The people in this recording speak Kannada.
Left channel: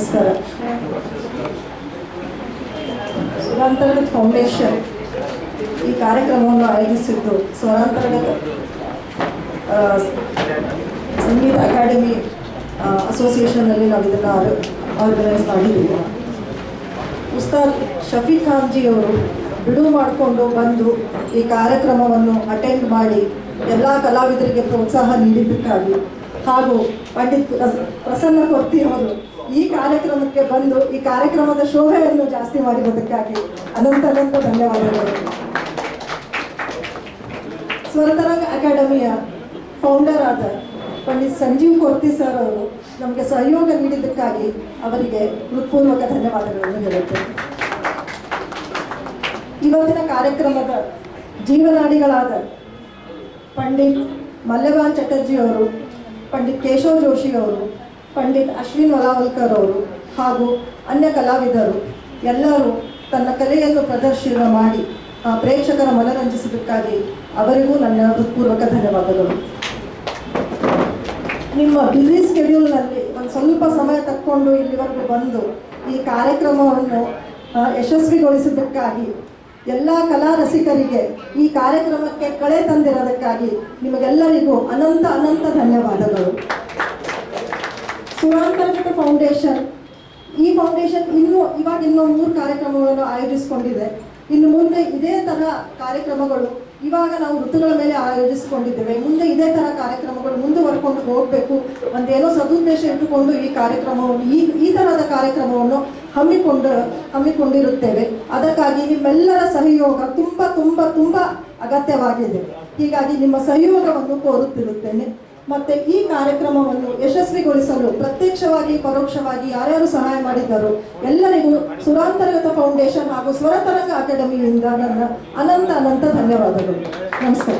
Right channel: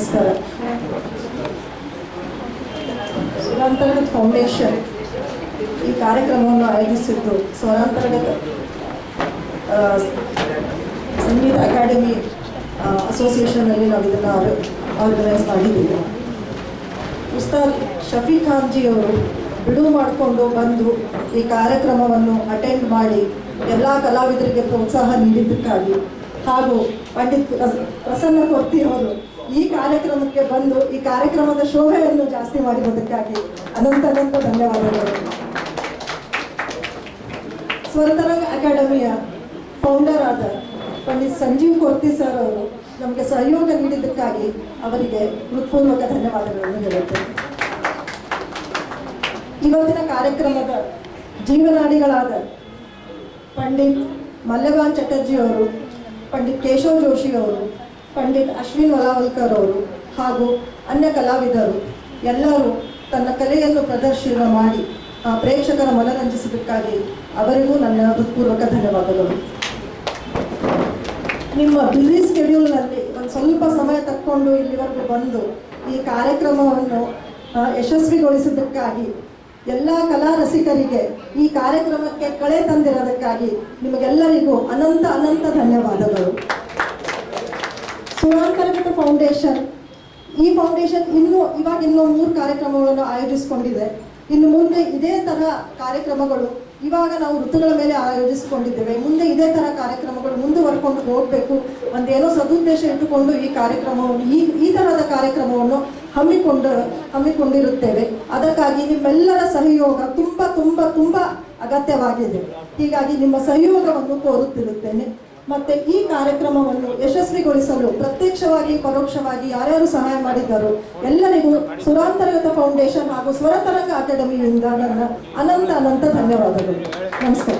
ನಮಸ್ಕಾರ. ಸ್ವರಾಂತರ್ಗತ ಫೌಂಡೇಶನ್ ಈ ಕಾರ್ಯಕ್ರಮವನ್ನು ಆಯೋಜಿಸಿದ್ದು ಸ್ವರಾಂತರ್ಗತ ಸಂಗೀತ ಅಕಾಡೆಮಿ ಅಸೋಸಿಯೇಷನ್ನಲ್ಲಿ ನಾವು ಇದನ್ನು ಆರ್ಗನೈಸ್ ಮಾಡಿದ್ದೀವಿ. ಉಸ್ತಾದ್ ಶಫೀಕ್ ಖಾನ್ಜಿಯವರು ಬಿಡುವು ಮಾಡಿಕೊಂಡು ಬಂದು ಈ ಕಾರ್ಯಕ್ರಮವನ್ನು ಅಟೆಂಡ್ ಮಾಡಿ ಎಲ್ಲ ಕಲಾವಿದರಿಗೆ ಪ್ರೋತ್ಸಾಹ ನೀಡಿದ್ದಕ್ಕಾಗಿ ಹಾಗೂ ಪಂಡಿತ್ ಪ್ರಸನ್ನ ಕೊರ್ತಿಯವರು ಈ ಕಾರ್ಯಕ್ರಮಕ್ಕೆ ಬಂದು ಈ ಕಾರ್ಯಕ್ರಮದ ಶೋಭೆಯನ್ನು ಜಾಸ್ತಿ ಮಾಡಿರೋದಕ್ಕಾಗಿ ಅನಂತ ಧನ್ಯವಾದಗಳು. ಸ್ವರತರಂಗ ಅಕಾಡೆಮಿಯ ಫೌಂಡರ್ ಆದ ಪಂಡಿತ್ ಸಂಜೀವ್ ಕೊರ್ತಿ ಸರ್ ಅವರು ನಮಗೆ ಸಹಯೋಗ ನೀಡಿದ್ದಕ್ಕಾಗಿ ಅವರಿಗೆ ಹೃತ್ಪೂರ್ವಕ ಧನ್ಯವಾದಗಳನ್ನು ಹೇಳುತ್ತೇನೆ. ಇವತ್ತಿನ ಕಾರ್ಯಕ್ರಮದ ಜೀವನಾಡಿಗಳಾದ ಪಂಡಿತ್ ಮಲ್ಯಭಾನ್ ಚಟರ್ಜಿ ಅವರು, ಪಂಡಿತ್ ಕೇಶವ್ ಜೋಶಿ ಅವರು, ಪಂಡಿತ್ ಅಶ್ವಿನ್ ವಲಾವಲ್ಕರ್ ಅವರು ಹಾಗೂ ಅನ್ಯ ಕಲಾವಿದರು ಎಲ್ಲರೂ ತನ್ನ ಕಲೆಯನ್ನು ಪ್ರದರ್ಶನ ಮಾಡಿ ಪ್ರೇಕ್ಷಕರ ಮನರಂಜಿಸಿದ್ದಕ್ಕಾಗಿ ಅವರಿಗೂ ನನ್ನ ಹೃತ್ಪೂರ್ವಕ ಧನ್ಯವಾದಗಳು. ನಿಮ್ಮ ಬ್ಯುಸಿ ಸ್ಕೆಡ್ಯೂಲ್ನಲ್ಲಿ ಒಂದು ಸ್ವಲ್ಪ ಸಮಯ ತಕ್ಕೊಂಡು ಇಲ್ಲಿವರೆಗೂ ಬಂದು ಈ ಕಾರ್ಯಕ್ರಮವನ್ನು ಯಶಸ್ವಿಗೊಳಿಸಿದ್ದಕ್ಕಾಗಿ ಎಲ್ಲ ಕಲಾ ರಸಿಕರಿಗೆ ಈ ಕಾರ್ಯಕ್ರಮಕ್ಕೆ ಕಳೆ ತಂದಿರೋದಕ್ಕಾಗಿ ನಿಮಗೆಲ್ಲರಿಗೂ ಅನಂತ ಧನ್ಯವಾದಗಳು. ಸ್ವರಾಂತರ್ಗತ ಫೌಂಡೇಶನ್ ಈ ಫೌಂಡೇಶನ್ ಇನ್ನೂ 3 ಕಾರ್ಯಕ್ರಮಗಳನ್ನು ಆಯೋಜಿಸಿಕೊಂಡಿದೆ. ಇನ್ನು ಮುಂದೆ ಇದೇ ಥರ ಕಾರ್ಯಕ್ರಮಗಳು ಇವಾಗ ನಾವು ಋತುಗಳ ಮೇಲೆ ಆಯೋಜಿಸಿಕೊಂಡಿದ್ದೇವೆ. ಮುಂದೆ ಇದೇ ಥರ ಕಾರ್ಯಕ್ರಮಗಳು ಮುಂದುವರ್ಕೊಂಡು ಹೋಗಬೇಕು ಒಂದೇನೋ ಸದುದ್ದೇಶ ಇಟ್ಟುಕೊಂಡು ಈ ಕಾರ್ಯಕ್ರಮವನ್ನು ಈ ಥರದ ಕಾರ್ಯಕ್ರಮವನ್ನು ಹಮ್ಮಿಕೊಂಡಿರುತ್ತೇವೆ. ಅದಕ್ಕಾಗಿ ನಿಮ್ಮೆಲ್ಲರ ಸಹಯೋಗ ತುಂಬ ಅಗತ್ಯವಾಗಿದೆ. ಹೀಗಾಗಿ ನಿಮ್ಮ ಸಹಯೋಗವನ್ನು ಕೋರುತ್ತಿರುತ್ತೇನೆ. ಮತ್ತು ಈ ಕಾರ್ಯಕ್ರಮವನ್ನು ಯಶಸ್ವಿಗೊಳಿಸಲು ಪ್ರತ್ಯಕ್ಷವಾಗಿ ಪರೋಕ್ಷವಾಗಿ ಯಾರ್ಯಾರು ಸಹಾಯ ಮಾಡಿದ್ದಾರೋ ಎಲ್ಲರಿಗೂ ಸ್ವರಾಂತರ್ಗತ ಫೌಂಡೇಶನ್ ಹಾಗೂ ಸ್ವರತರಂಗ ಅಕಾಡೆಮಿಯಿಂದ ನನ್ನ ಅನಂತ ಧನ್ಯವಾದಗಳು. ನಮಸ್ಕಾರ.